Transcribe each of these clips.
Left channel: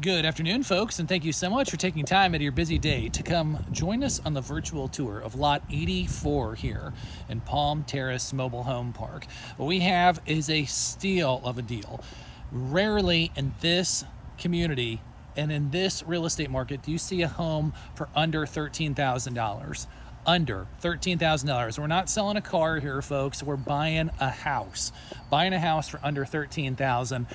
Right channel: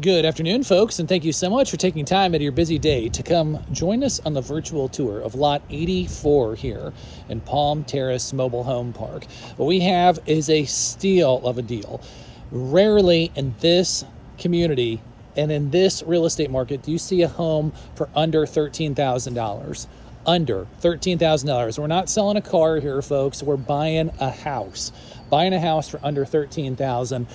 Good afternoon, folks, and thank you so much for taking time out of your busy day to come join us on the virtual tour of Lot 84 here in Palm Terrace Mobile Home Park. What we have is a steal of a deal. Rarely in this community and in this real estate market do you see a home for under $13,000. Under $13,000. We're not selling a car here, folks. We're buying a house. Buying a house for under $13,000.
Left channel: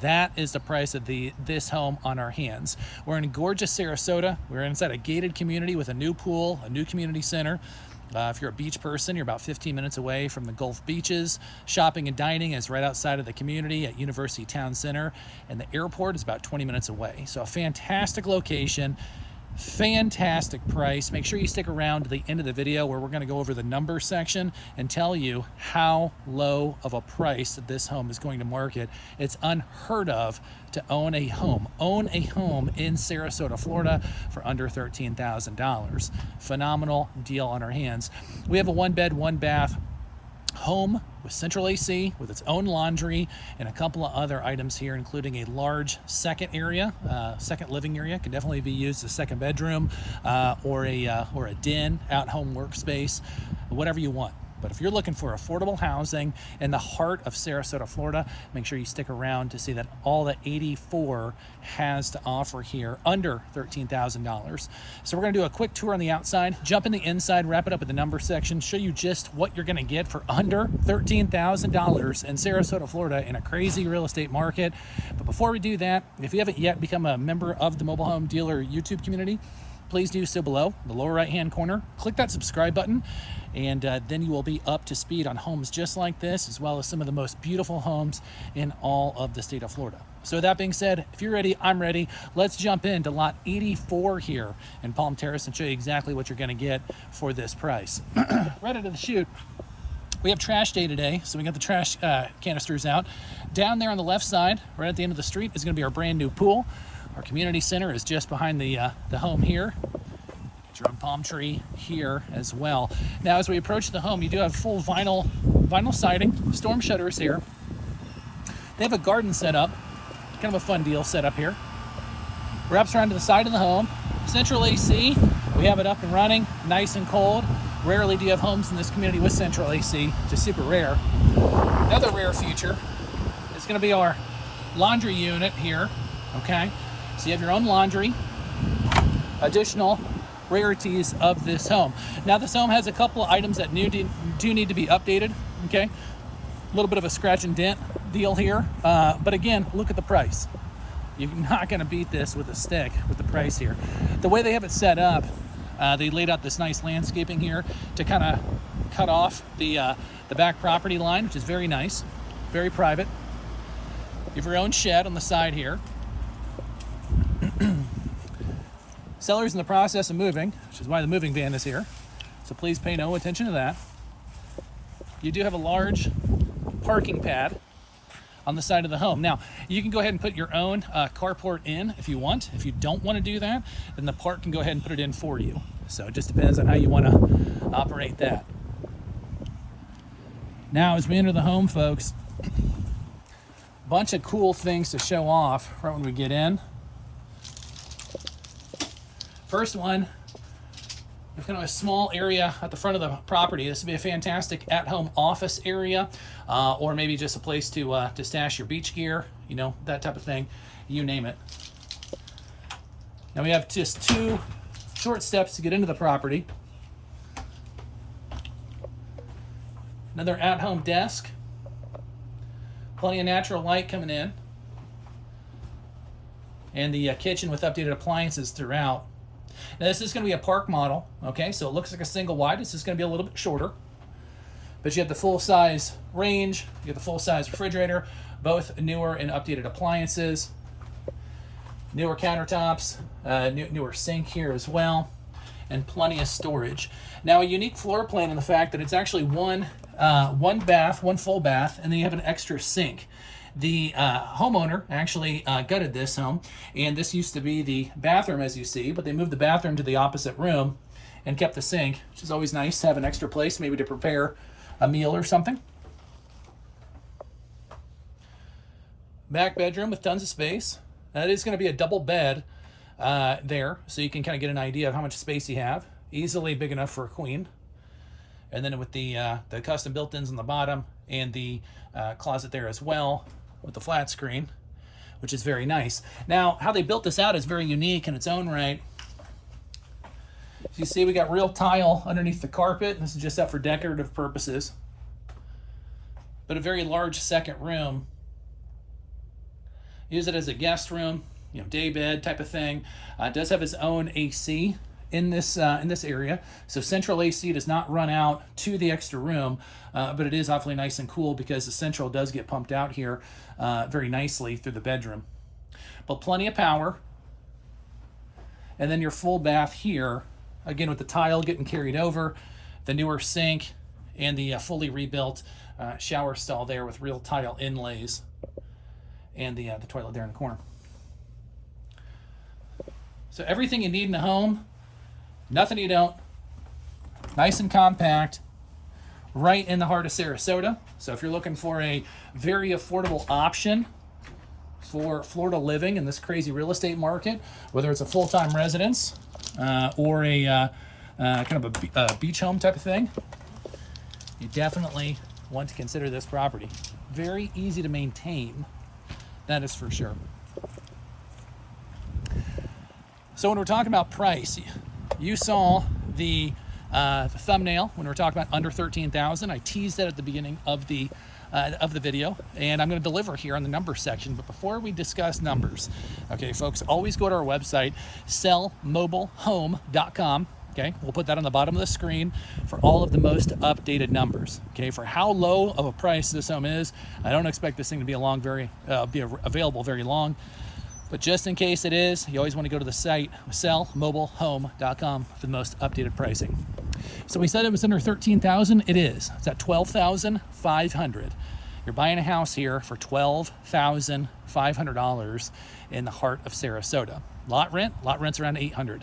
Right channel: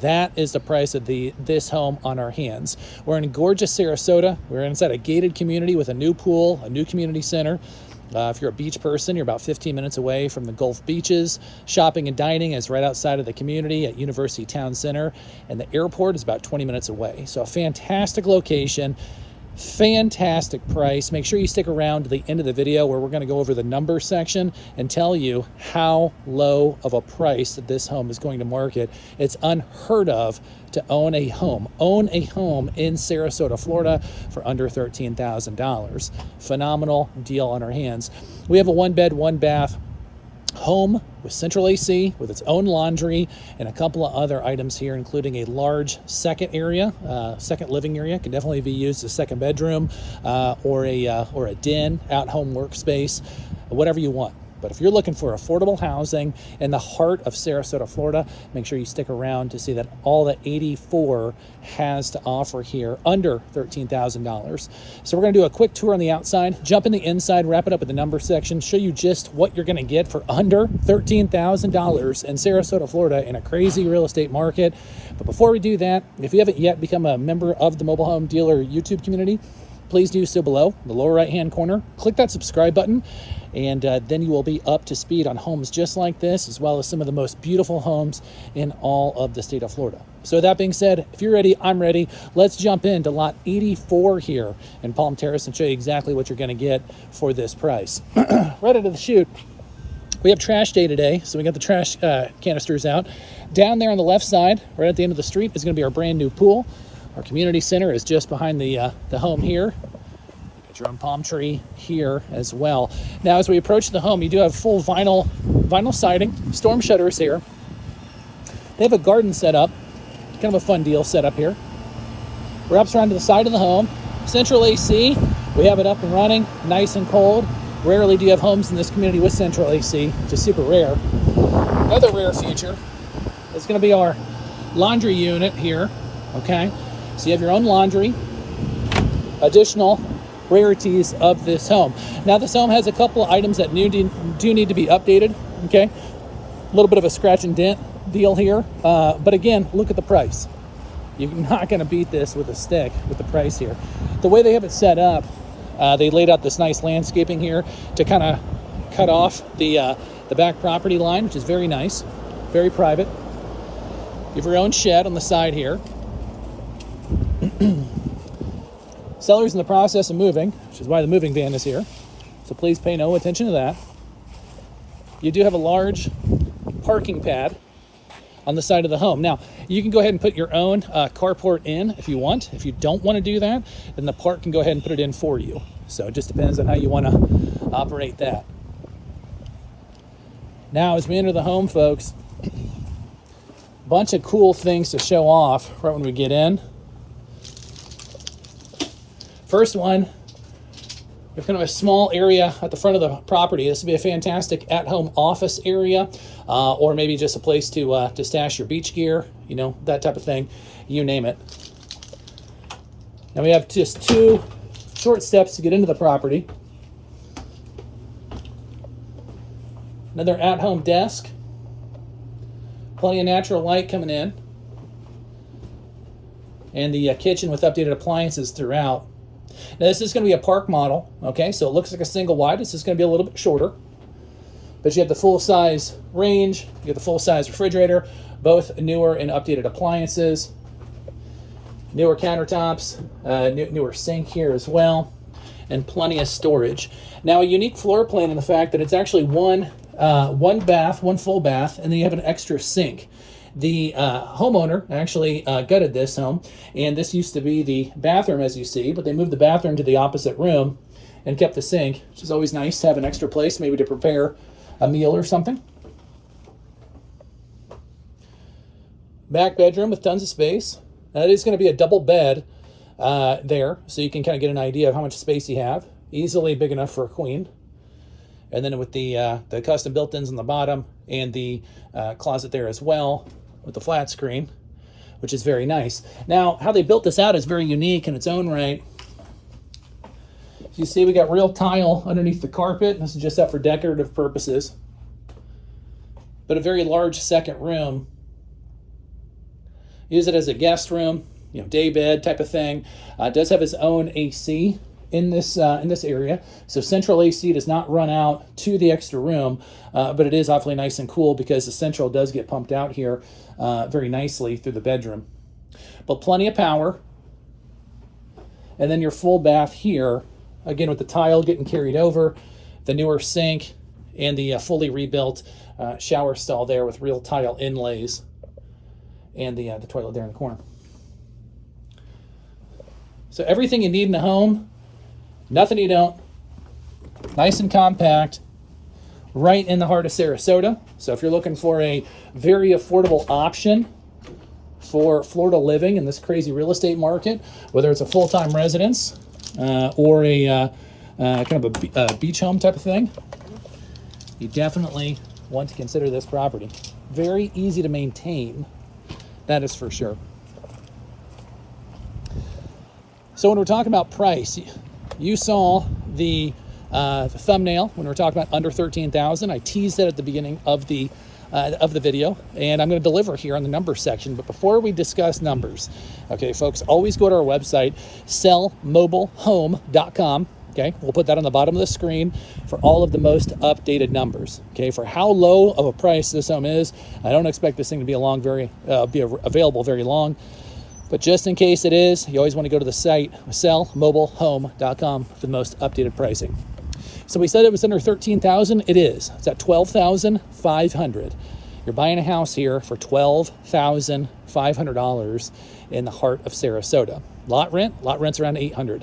That is the price of this home on our hands. We're in gorgeous Sarasota. We're inside a gated community with a new pool, a new community center. If you're a beach person, you're about 15 minutes away from the Gulf beaches. Shopping and dining is right outside of the community at University Town Center, and the airport is about 20 minutes away. So a fantastic location. Fantastic price. Make sure you stick around to the end of the video where we're going to go over the number section and tell you how low of a price that this home is going to market. It's unheard of to own a home in Sarasota, Florida for under $13,000. Phenomenal deal on our hands. We have a 1-bed, 1-bath home with central AC, with its own laundry, and a couple of other items here, including a large second living area. Can definitely be used as a second bedroom or a den, at-home workspace, whatever you want. But if you're looking for affordable housing in the heart of Sarasota, Florida, make sure you stick around to see that all that 84 has to offer here under $13,000. So we're going to do a quick tour on the outside, jump in the inside, wrap it up with the number section, show you just what you're going to get for under $13,000 in Sarasota, Florida in a crazy real estate market. But before we do that, if you haven't yet become a member of the Mobile Home Dealer YouTube community, please do so below in the lower right hand corner. Click that subscribe button, and then you will be up to speed on homes just like this, as well as some of the most beautiful homes in all of the state of Florida. So that being said, if you're ready, I'm ready. Let's jump into lot 84 here in Palm Terrace and show you exactly what you're going to get for this price. Right out of the chute, we have trash day today, so we got the trash canisters out. Down there on the left side, right at the end of the street, is going to be our brand new pool. Our community center is just behind the home here. You get your own palm tree here as well. Now, as we approach the home, you do have full vinyl siding, storm shutters here. They have a garden set up, kind of a fun deal set up here. Wraps around to the side of the home. Central AC, we have it up and running, nice and cold. Rarely do you have homes in this community with central AC, which is super rare. Another rare feature is going to be our laundry unit here, okay? So you have your own laundry, additional rarities of this home. Now this home has a couple of items that do need to be updated, okay? A little bit of a scratch and dent deal here, but again, look at the price. You're not gonna beat this with a stick with the price here. The way they have it set up, they laid out this nice landscaping here to kind of cut off the back property line, which is very nice, very private. You have your own shed on the side here. Seller's in the process of moving, which is why the moving van is here. So please pay no attention to that. You do have a large parking pad on the side of the home. Now, you can go ahead and put your own carport in if you want. If you don't want to do that, then the park can go ahead and put it in for you. So it just depends on how you want to operate that. Now, as we enter the home, folks, bunch of cool things to show off right when we get in. First one, we have kind of a small area at the front of the property. This would be a fantastic at-home office area, or maybe just a place to stash your beach gear, you know, that type of thing, you name it. Now we have just 2 short steps to get into the property. Another at-home desk. Plenty of natural light coming in. And the kitchen with updated appliances throughout. Now this is going to be a park model, okay? So it looks like a single wide. This is going to be a little bit shorter. But you have the full-size range, you have the full-size refrigerator, both newer and updated appliances, newer countertops, newer sink here as well, and plenty of storage. Now a unique floor plan in the fact that it's actually one bath, one full bath, and then you have an extra sink. The homeowner actually gutted this home, and this used to be the bathroom, as you see, but they moved the bathroom to the opposite room and kept the sink, which is always nice to have an extra place, maybe to prepare a meal or something. Back bedroom with tons of space. It is going to be a double bed there, so you can kind of get an idea of how much space you have. Easily big enough for a queen. And then with the custom built-ins on the bottom and the closet there as well with the flat screen, which is very nice. Now, how they built this out is very unique in its own right. As you see, we got real tile underneath the carpet. This is just out for decorative purposes. But a very large second room. Use it as a guest room, you know, day bed type of thing. It does have its own AC in this area, so central AC does not run out to the extra room, but it is awfully nice and cool because the central does get pumped out here very nicely through the bedroom. But plenty of power. And then your full bath here, again with the tile getting carried over, the newer sink, and the fully rebuilt shower stall there with real tile inlays, and the toilet there in the corner. So everything you need in a home, nothing you don't. Nice and compact, right in the heart of Sarasota. So if you're looking for a very affordable option for Florida living in this crazy real estate market, whether it's a full-time residence or a kind of a beach home type of thing, you definitely want to consider this property. Very easy to maintain, that is for sure. So when we're talking about price, you saw the thumbnail when we were talking about under $13,000. I teased that at the beginning of the video, and I'm going to deliver here on the numbers section. But before we discuss numbers, okay, folks, always go to our website, sellmobilehome.com. Okay, we'll put that on the bottom of the screen for all of the most updated numbers. Okay, for how low of a price this home is, I don't expect this thing to be available very long. But just in case it is, you always want to go to the site, sellmobilehome.com, for the most updated pricing. So we said it was under $13,000. It is. It's at $12,500. You're buying a house here for $12,500 in the heart of Sarasota. Lot rent's around $800.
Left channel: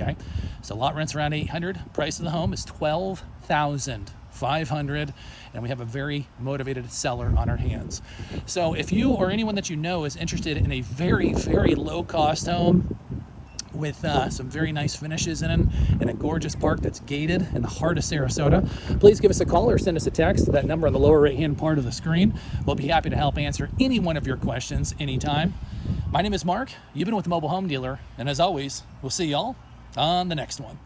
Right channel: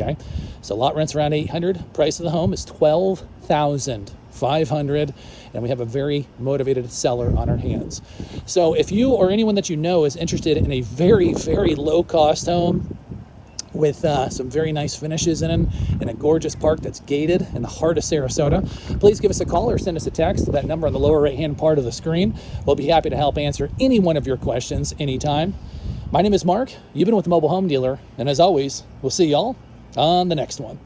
Okay, so lot rent's around $800. Price of the home is $12,500, and we have a very motivated seller on our hands. So if you or anyone that you know is interested in a very, very low-cost home with some very nice finishes in a gorgeous park that's gated in the heart of Sarasota, please give us a call or send us a text to that number on the lower right-hand part of the screen. We'll be happy to help answer any one of your questions anytime. My name is Mark. You've been with the Mobile Home Dealer, and as always, we'll see y'all on the next one.